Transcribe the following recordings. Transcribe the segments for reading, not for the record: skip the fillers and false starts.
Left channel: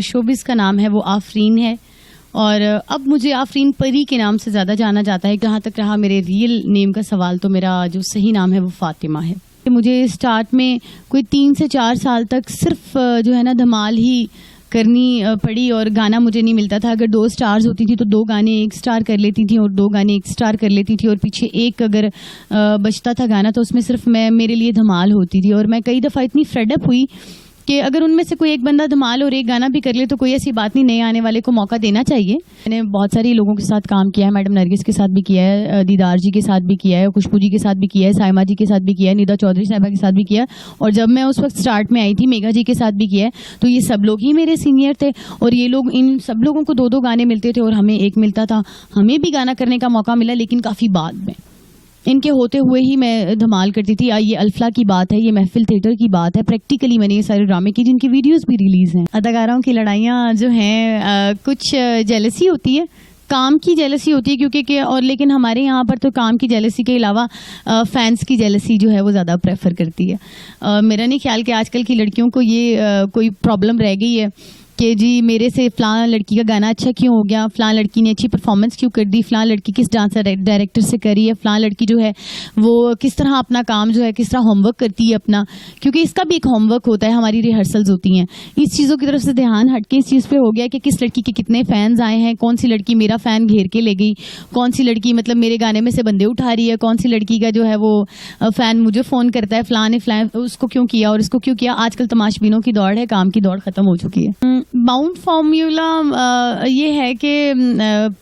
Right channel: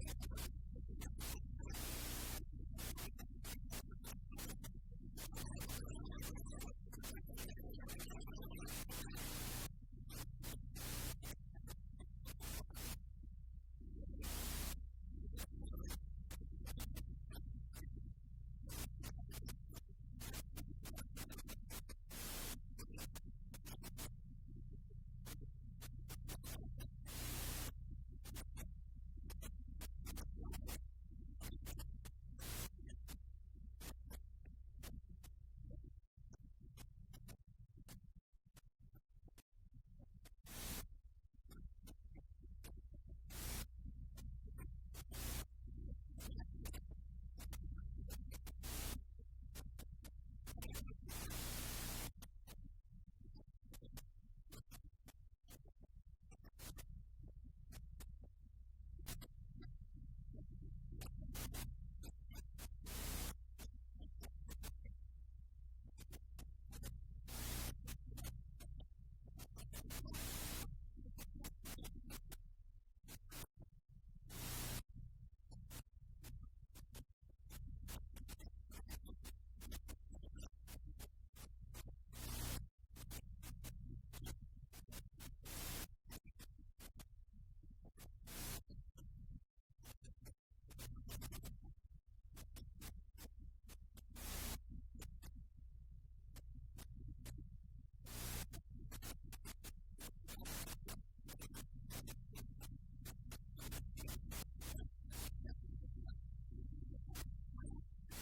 मेरा शोबिज़ का नाम है वो आफरीन है और अब मुझे आफरीन परी के नाम से ज़्यादा जाना जाता है। जहाँ तक रहा मेरे रियल नेम का सवाल, तो मेरा जो सही नाम है वो फ़ातिमा है। मुझे स्टार्ट में कोई 3 से 4 साल तक सिर्फ जो है ना धमाल ही करनी पड़ी और गाना मुझे नहीं मिलता था। अगर 2 स्टार्स होती थी तो 2 गाने 1 स्टार कर लेती थी और 2 गाने 1 स्टार कर लेती थी और पीछे एक अगर बचता था गाना तो उसमें सिर्फ मेरे लिए धमाल होती थी। और मैं कई दफ़ा इतनी फ्रेडअप हुई कि अगर उनमें से कोई एक बंदा धमाल और एक गाना भी कर ले तो कोई ऐसी बात नहीं, नए आने वाले को मौका देना चाहिए। मैंने बहुत सारे लोगों के साथ काम किया है, मैडम नरगिस के साथ भी किया है, दीदार जी के साथ भी किया है, खुशबू जी के साथ भी किया है, साइमा जी के साथ भी किया है, निदा चौधरी साहिबा के साथ भी किया है और जब मैं उस वक्त स्टार्ट में आई थी मेघा जी के साथ भी किया है। तो ये सब लोग ही मेरे सीनियर थे और ये लोग, इन सब लोगों को 2-2 गाने मिलते थे और हमें एक मिलता था। हमें भी गाना करने का मौका मिला लेकिन काफ़ी बाद में, इनके होते हुए ही मैं धमाल करती थी। ये अल्फला की बात है, ये महफिल थिएटर की बात है। प्रैक्टिकली मैंने ये सारे ड्रामे की जिनकी वीडियोस भी रिलीज़ हैं। अदाकाराओं की लड़ाइयाँ जो हैं कुछ जेलसी होती है, काम की जेलसी होती है क्योंकि और लेकिन हमारे यहाँ पर तो काम की जेलसी के अलावा फैंस की जेलसी जो है वो ज़्यादा प्रेफर करती है। मेरा नहीं ख्याल कि आजकल की लड़कियों को ये कोई प्रॉब्लम रह गई है कि जी मेरे से फ़लाँ लड़की का गाना अच्छा क्यों हो गया, फ़लाँ लड़की ने अच्छी परफॉर्मेंस क्यों कर दी, फ़लाँ लड़की किस डांस डायरेक्टर से करी है, फ़लाँ लड़की जो है वो किस तरह अपना काम जो है किस तरह होमवर्क करती है अपना, क्योंकि इसका भी एक होमवर्क होता है, हमारी रिहर्सल्स होती हैं। इस चीज़ों की तरफ से ध्यान हट के इस चीज़ पे हो गया कि किस लड़की के कितने फ़ैन्स आए हैं, कौन सी लड़की मेरा फ़ैन घेर के ले गई, कौन सी लड़की मतलब मेरे गाने में से बंदे उठा रही है, कौन सी लड़की का जो है वो फ़ैन मुझे फ़ोन करता है, फ़लाँ ने उसको क्यों किया और इसको क्यों किया। आजकल तमाशबीनों की दौड़ है, काम की दौड़ ख़त्म हो चुकी है। बाउंड फॉर्मूला ये है कि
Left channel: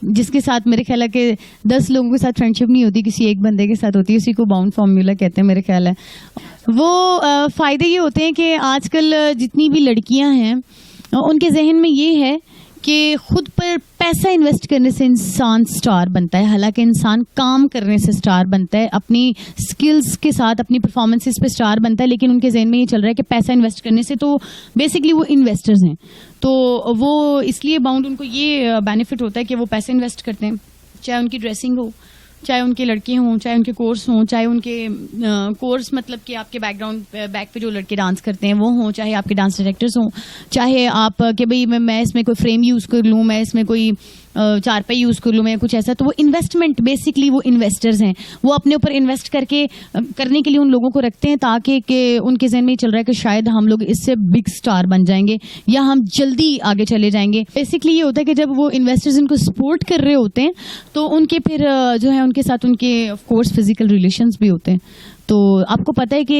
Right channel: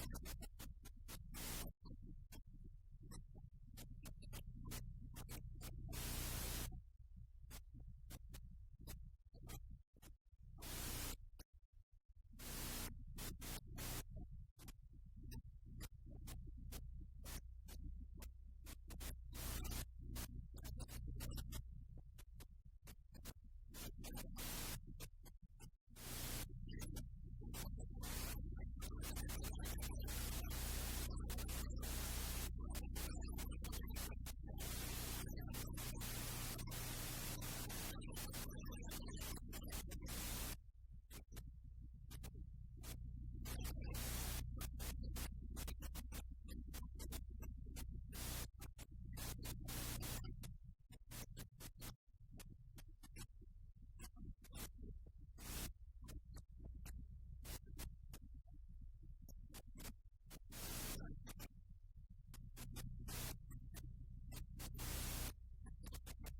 जिसके साथ मेरे ख्याल है कि 10 लोगों के साथ फ्रेंडशिप नहीं होती, किसी एक बंदे के साथ होती है, उसी को बाउंड फॉर्मूला कहते हैं मेरे ख्याल है। वो फ़ायदे ये होते हैं कि आजकल जितनी भी लड़कियां हैं उनके जहन में ये है कि खुद पर पैसा इन्वेस्ट करने से इंसान स्टार बनता है। हालांकि इंसान काम करने से स्टार बनता है, अपनी स्किल्स के साथ अपनी परफॉर्मेंसेस पे स्टार बनता है, लेकिन उनके जहन में ये चल रहा है कि पैसा इन्वेस्ट करने से, तो बेसिकली वो इन्वेस्टर्स हैं तो वो इसलिए बाउंड उनको ये बेनिफिट होता है कि वो पैसे इन्वेस्ट करते हैं, चाहे उनकी ड्रेसिंग हो, चाहे उनके लड़के हों, चाहे उनके कोर्स हों, चाहे उनके कोर्स मतलब कि आपके बैकग्राउंड बैक पे जो लड़के डांस करते हैं वो हों, चाहे आपके डांस डायरेक्टर्स हों, चाहे आप कि भाई मैं इसमें कोई फ्रेम यूज़ कर लूँ, मैं इसमें कोई चारपाई यूज़ कर लूँ, मैं कुछ ऐसा। तो वो इन्वेस्टमेंट बेसिकली वो इन्वेस्टर्स हैं, वो अपने ऊपर इन्वेस्ट करके करने के लिए उन लोगों को रखते हैं ताकि कि उनके जहन में ये चल रहा है कि शायद हम लोग इससे बिग स्टार बन जाएंगे या हम जल्दी आगे चले जाएंगे। बेसिकली ये होता है कि जब वो इन्वेस्टर्स इनको सपोर्ट कर रहे होते हैं तो उनके फिर जो है उनके साथ उनके ऑफ कोर्स फिजिकल रिलेशंस भी होते हैं। तो आपको पता है कि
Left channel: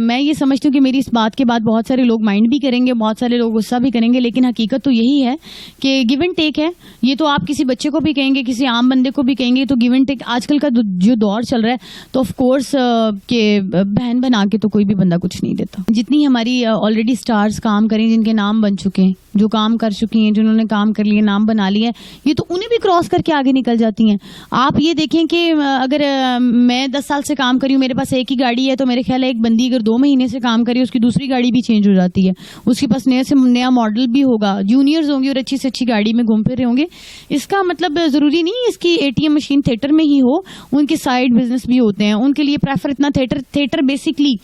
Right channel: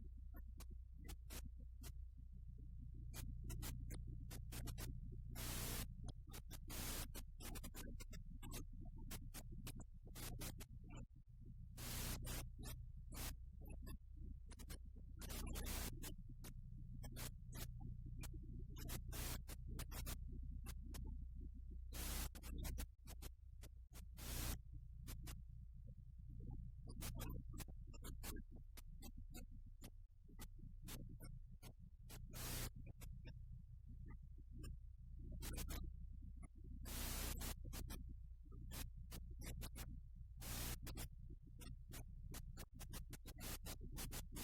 मैं ये समझती हूँ कि मेरी इस बात के बाद बहुत सारे लोग माइंड भी करेंगे, बहुत सारे लोग गुस्सा भी करेंगे, लेकिन हकीकत तो यही है कि गिव एंड टेक है। ये तो आप किसी बच्चे को भी कहेंगे, किसी आम बंदे को भी कहेंगे, तो गिव एंड टेक आजकल का जो दौर चल रहा है, तो ऑफ कोर्स के बहन बना के तो कोई भी बंदा कुछ नहीं देता। जितनी हमारी ऑलरेडी स्टार्स काम करें, जिनके नाम बन चुके हैं, जो काम कर चुकी हैं, जिन्होंने काम कर लिए, नाम बना लिया है, ये तो उन्हें भी क्रॉस करके आगे निकल जाती हैं। आप ये देखें कि अगर मैं 10 साल से काम करी हूँ, मेरे पास एक ही गाड़ी है, तो मेरे ख्याल है एक बंदी अगर 2 महीने से काम करी, उसकी दूसरी गाड़ी भी चेंज हो जाती है, उसके पास नया से नया मॉडल भी होगा, जूनियर्स होंगे और अच्छी से अच्छी गाड़ी में घूम फिर रहे होंगे। इसका मतलब ज़रूरी नहीं इसकी एटीएम मशीन थिएटर में ही हो, उनके साइड बिजनेस भी होते हैं, उनके लिए प्रेफर इतना थिएटर बेसिकली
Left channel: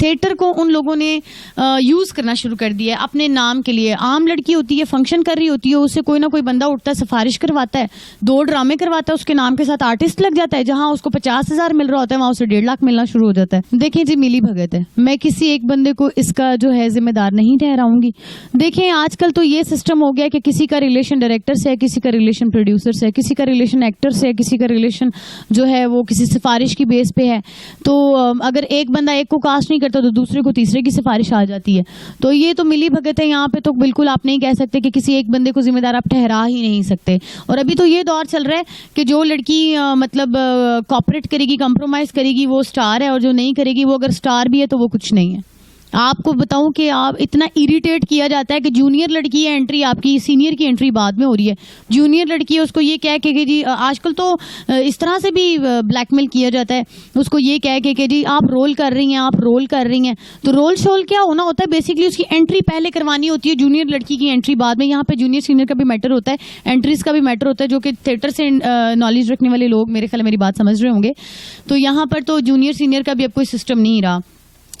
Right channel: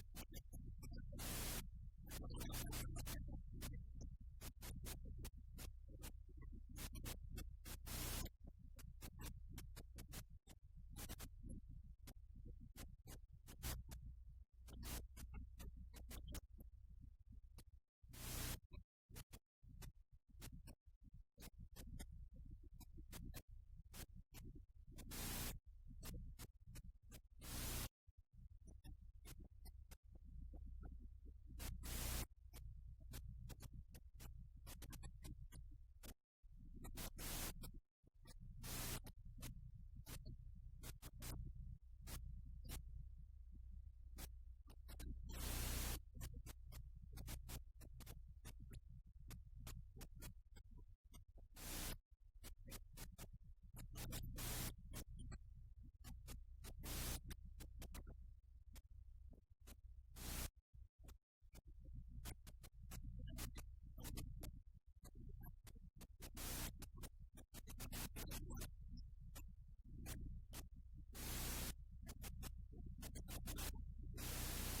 थिएटर को उन लोगों ने यूज़ करना शुरू कर दिया है अपने नाम के लिए। आम लड़की होती है, फंक्शन कर रही होती है, उससे कोई ना कोई बंदा उठता है, सिफारिश करवाता है, 2 ड्रामे करवाता है, उसके नाम के साथ आर्टिस्ट लग जाता है, जहां उसको 50,000 मिल रहा होता है वहां उसे 1.5 लाख मिलना शुरू हो जाता है। देखें जी, मिली भगत है। मैं किसी एक बंदे को इसका जो है जिम्मेदार नहीं ठहराऊंगी। देखें आजकल तो ये सिस्टम हो गया कि किसी का रिलेशन डायरेक्टर से है, किसी का रिलेशन प्रोड्यूसर से है, किसी का रिलेशन एक्टर से है, किसी का रिलेशन जो है वो किसी सिफारिश की बेस पे है। तो अगर एक बंदा एक को कास्ट नहीं करता तो दूसरे को तीसरे की सिफारिश आ जाती है। तो ये तो मिली भगत है। यहाँ पे तो बिल्कुल आप नहीं कह सकते कि किसी एक बंदे को जिम्मेदार आप ठहरा ही नहीं सकते। और अभी तो ये दौर चल रहा है कि जो लड़की मतलब कॉपरेट करेगी, कंप्रोमाइज करेगी, वो स्टार है, और जो नहीं करेगी वो अगर स्टार भी है तो वो कुछ नहीं है। आपको बताऊं कि आप इतना इरिटेट किया जाता है कि जूनियर लड़की है एंट्री आपकी, सीनियर की एंट्री बाद में हो रही है। जूनियर लड़की है उसको ये कह के कि जी आजकल तो इस तरह से भी ब्लैकमेल किया जाता है, उसको ये कह के कि जी आप रोल कर रही हैं, आप रोल कर रही हैं। तो रोल शोल क्या होना होता है, बेसिकली उसकी एंट्री पहले करवानी होती है, जूनियर लड़की की एंट्री बाद में। यहाँ पे जूनियर सीनियर का भी मैटर होता है, एंट्रीज का भी मैटर होता है, जो कि थिएटर से नॉलेज रखने वाले लोग मेरे ख्याल मेरी बात समझ रहे होंगे। तो यहाँ पर तो जूनियर सीनियर का भी अब कोई सिस्टम नहीं रहा।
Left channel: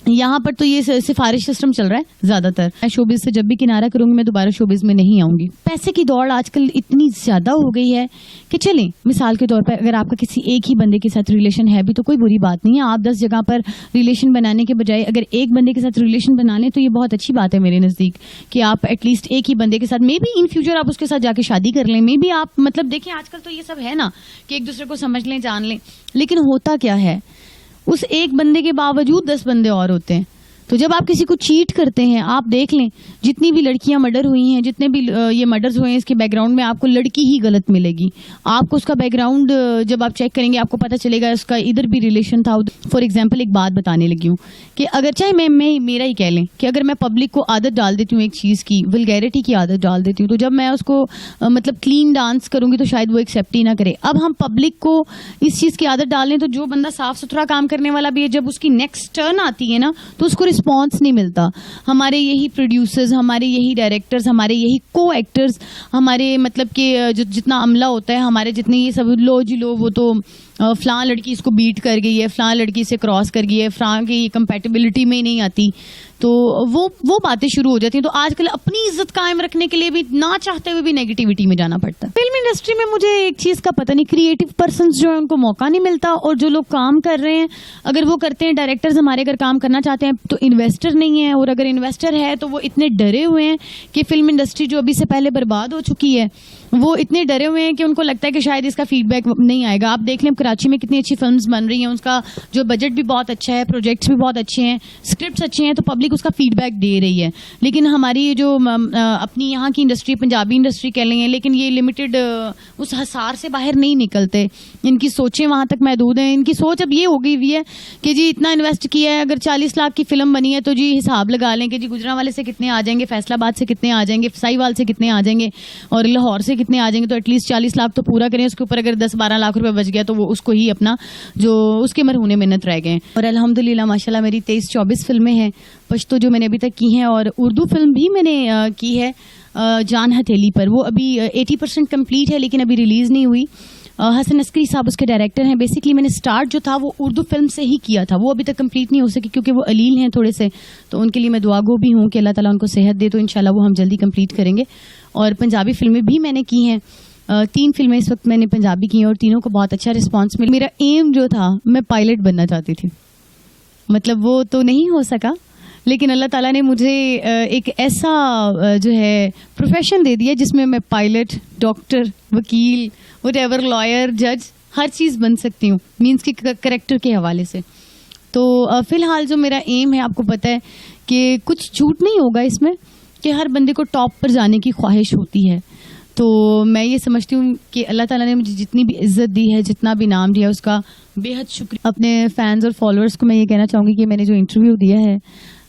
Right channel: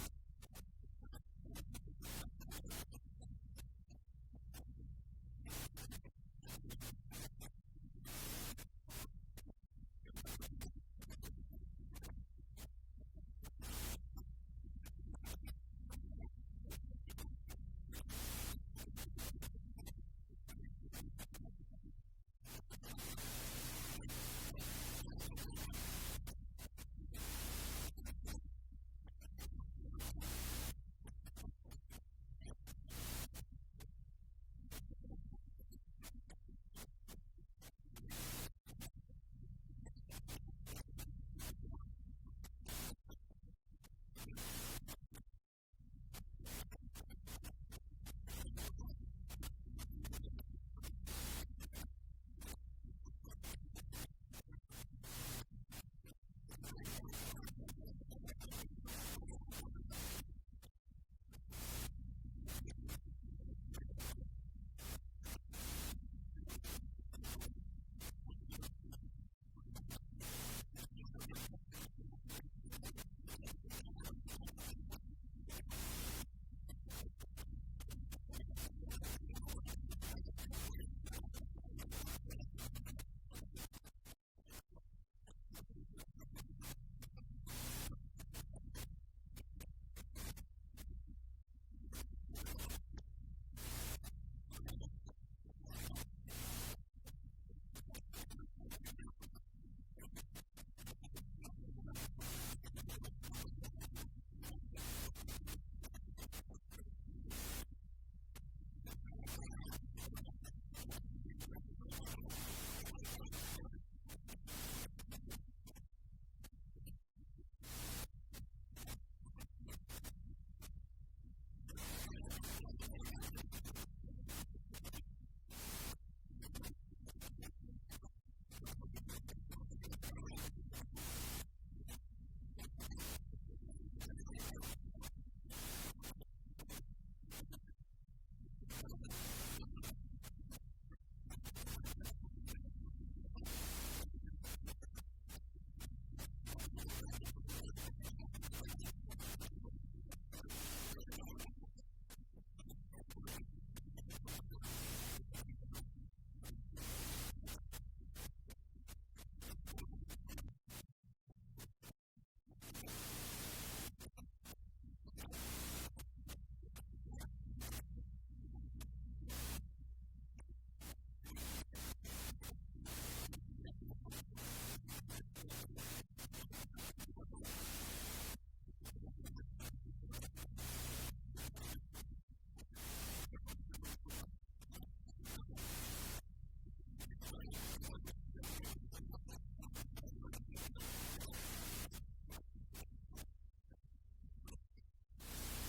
यहाँ पर तो ये सिफारिश सिस्टम चल रहा है ज्यादातर। मैं शोबिज से जब भी किनारा करूंगी मैं दोबारा शोबिज में नहीं आऊंगी। पैसे की दौड़ आजकल इतनी ज्यादा हो गई है कि चलें मिसाल के तौर पर अगर आपका किसी एक ही बंदे के साथ रिलेशन है भी तो कोई बुरी बात नहीं है। आप 10 जगह पर रिलेशन बनाने के बजाय अगर एक बंदे के साथ रिलेशन बना लें तो ये बहुत अच्छी बात है मेरे नज़दीक, कि आप एटलीस्ट एक ही बंदे के साथ मे बी इन फ्यूचर आप उसके साथ जाके शादी कर लें। मे बी आप मतलब देखें आजकल तो ये सब है ना कि एक दूसरे को समझ लें, जान लें, लेकिन होता क्या है उस एक बंदे के बावजूद 10 बंदे और होते हैं। तो जब आप किसी को चीट करते हैं, आप देख लें जितनी भी लड़कियां मर्डर हुई हैं, जितने भी ये मर्डर्स हुए हैं, इसके बैकग्राउंड में आपको लड़की ही गलत मिलेगी। आपको उसका बैकग्राउंड जब आप चेक करेंगे आपको पता चलेगा उसका इधर भी रिलेशन था। फॉर एग्जांपल एक बात बताने लगी हूँ कि अगर चाहे मैं मेरा ही कह लें कि अगर मैं पब्लिक को आदत डाल देती हूँ एक चीज़ की, वल्गैरिटी की आदत डाल देती हूँ, तो जब मैं उसको मतलब क्लीन डांस करूँगी तो शायद वो एक्सेप्ट ही ना करे। अब हम पब्लिक को इस चीज़ की आदत डालें तो जो बंदा साफ सुथरा काम करने वाला भी है, जब उसकी नेक्स्ट टर्न आती है ना तो उसको रिस्पॉन्स नहीं मिलता। हमारे यही प्रोड्यूसर्स, हमारे यही डायरेक्टर्स, हमारे यही को एक्टर्स, हमारे मतलब कि जो जितना अमला होता है, हमारे जितने ये सब लो जी लो वो तो फ़लाँ लड़की इसको बीट कर गई है, फ़लाँ लड़की से क्रॉस कर गई है, फ़लाँ की कंपैटिबिलिटी में ही नहीं आती, तो वो बातें शुरू हो जाती हैं। तो आजकल अपनी इज्जत कायम रखने के लिए भी ना चाहते हुए भी नेगेटिविटी में जाना पड़ता है। फिल्म इंडस्ट्री में मुझे एक चीज़ का पता नहीं, क्रिएटिव पर्सन्स जो है उनको मौका नहीं मिलता, और जो लोग काम कर रहे हैं अगर वो करते हैं, डायरेक्टर्स हमारे अगर काम करना चाहते हैं तो इन्वेस्टर नहीं है, और अगर इन्वेस्टर है तो वो इतने डरे हुए हैं कि फिल्म इंडस्ट्री जो अभी से पहले बर्बाद हो चुकी है, वो इतने डरे हुए हैं कि उनको लगता है कि शायद इसका फीडबैक नहीं आएगा। आप देख लें कराची में कितनी अच्छी फिल्म्स बन रही हैं, उसका जो बजट भी बहुत अच्छा है, प्रोजेक्ट्स भी बहुत अच्छे हैं, स्क्रिप्ट्स अच्छे हैं, तो पब्लिक उसका फीडबैक दे रही है। लेकिन हमारी जो अपनी यहाँ की इंडस्ट्री, पंजाबी इंडस्ट्री कह लेंगे, लेकिन ये लिमिटेड उस हसार से बाहर नहीं निकलते। इनकी सोचें वहाँ तक महदूद हैं। इनकी सोच अब ये हो गई हुई है कि जी इतना इन्वेस्ट किया है, अगर 40 लाख की फिल्म बनी है तो जी हिसाब लगा लें कि जी गुजरांवाले से कितने आ जाएंगे, फैसलाबाद से कितने आ जाएंगे, साहिवाल से कितने आ जाएंगे, और लाहौर से कितने आ जाएंगे, तो एटलीस्ट 40 लाख तो पूरा करें। उसके ऊपर अगर 10-12 लाख रुपए बच गया तो वो उसको ही अपना जो उसके मरहूने मिन्नत रह गए। और अल्हम्दुलिल्लाह माशाल्लाह मेरी 23-24 फिल्में हैं पश्तो जो मैंने अभी तक की हैं, और उर्दू फिल्म भी मैंने की है जान हथेली पर। वो अभी 80% कंप्लीट है लेकिन अभी रिलीज़ नहीं हुई। हसन अस्करी साहब उसके डायरेक्टर हैं। बेसिकली मैंने स्टार्ट जो था वो उर्दू फिल्म से ही किया था, वो अभी तक कंप्लीट नहीं हो सकी क्योंकि वो अलील हैं थोड़े से, तो उनके लिए मैं दुआगो भी हूँ कि अल्लाह ताला उनको सेहत दे, तो इंशाल्लाह वो हम जल्दी कंप्लीट करेंगे। और पंजाबी फिल्में भी मैंने की हैं, 3 फिल्में इस वक्त मैंने पंजाबी की हैं और तीनों को बहुत अच्छा रिस्पॉन्स मिला। मेरा एम जो था मैं पायलट बनना चाहती थी, मतलब वो तो नहीं हो सका, लेकिन अल्लाह ताला ने मुझे एक ऐसा जो है प्रोफेशन दे दिया जिसमें मैं पायलट, डॉक्टर, वकील, व्हाटएवर, लॉयर, जज, हर चीज़ बन सकती हूँ, मीन्स कि करेक्टर के हवाले से। तो फ़िलहाल जो मेरा एम है, आपको पता है कि कुछ झूठ नहीं होगा इसमें कि हर बंदे को टॉप पर जाने की ख्वाहिश होती है। तो मैं ये समझती हूँ कि अल्लाह ताला ने मुझे जितनी भी इज़्ज़त दी है, जितना भी नाम दिया, उसका बेहद शुक्रिया। अपने फैंस और फॉलोअर्स को मैं ये कहना चाहूँगी कि मैंने जो इंटरव्यू दिया है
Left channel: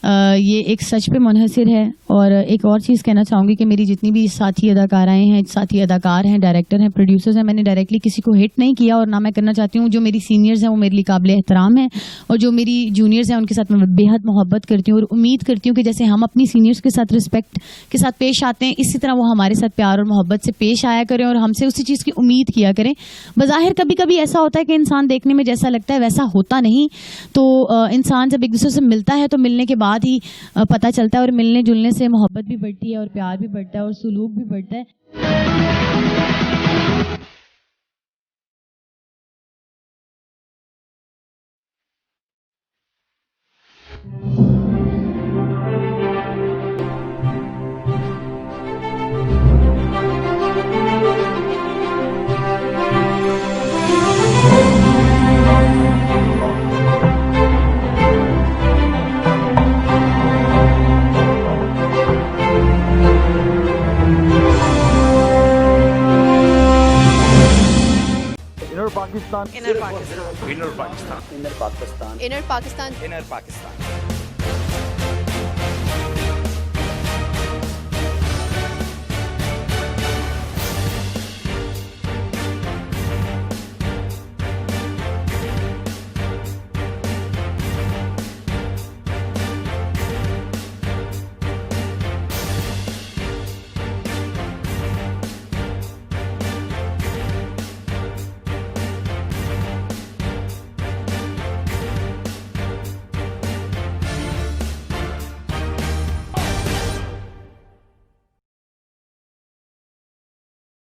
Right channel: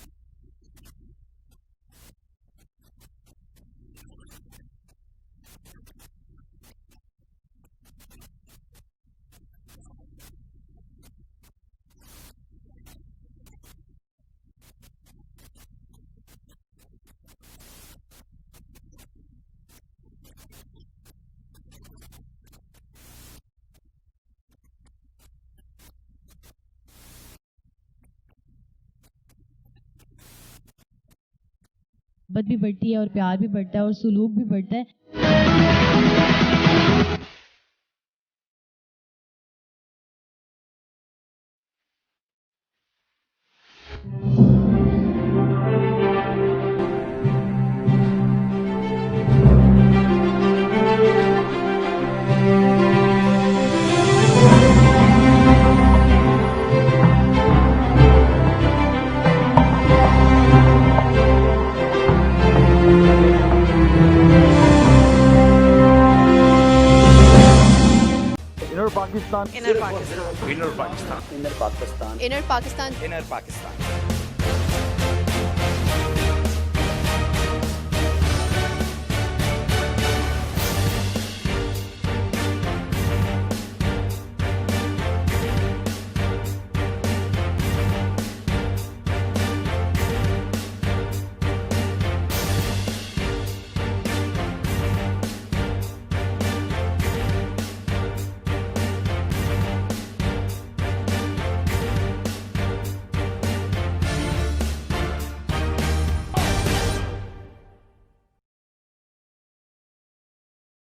ये एक सच पे मुनहसिर है। और एक और चीज़ कहना चाहूँगी कि मेरी जितनी भी साथी अदाकाराएँ हैं, साथी अदाकार हैं, डायरेक्टर हैं, प्रोड्यूसर्स हैं, मैंने डायरेक्टली किसी को हिट नहीं किया और ना मैं करना चाहती हूँ। जो मेरी सीनियर्स हैं वो मेरे लिए काबिल एहतराम हैं, और जो मेरी जूनियर्स हैं उनके साथ मैं बेहद मोहब्बत करती हूँ, और उम्मीद करती हूँ कि जैसे हम अपनी सीनियर्स के साथ रिस्पेक्ट के साथ पेश आते हैं, इसी तरह वो हमारे साथ प्यार और मोहब्बत से पेश आया करें और हमसे उसी चीज़ की उम्मीद किया करें। बज़ाहिर कभी कभी ऐसा होता है कि इंसान देखने में जैसा लगता है वैसा होता नहीं, तो इंसान जब एक दूसरे से मिलता है तो मिलने के बाद ही पता चलता है, और मिलने जुलने से मोहब्बत भी बढ़ती है और प्यार भी बढ़ता है और सुलूक भी बढ़ता है। Inner Pakistan. Inner Pakistan. Inner Pakistan. Inner Pakistan. Inner Pakistan. Inner Pakistan.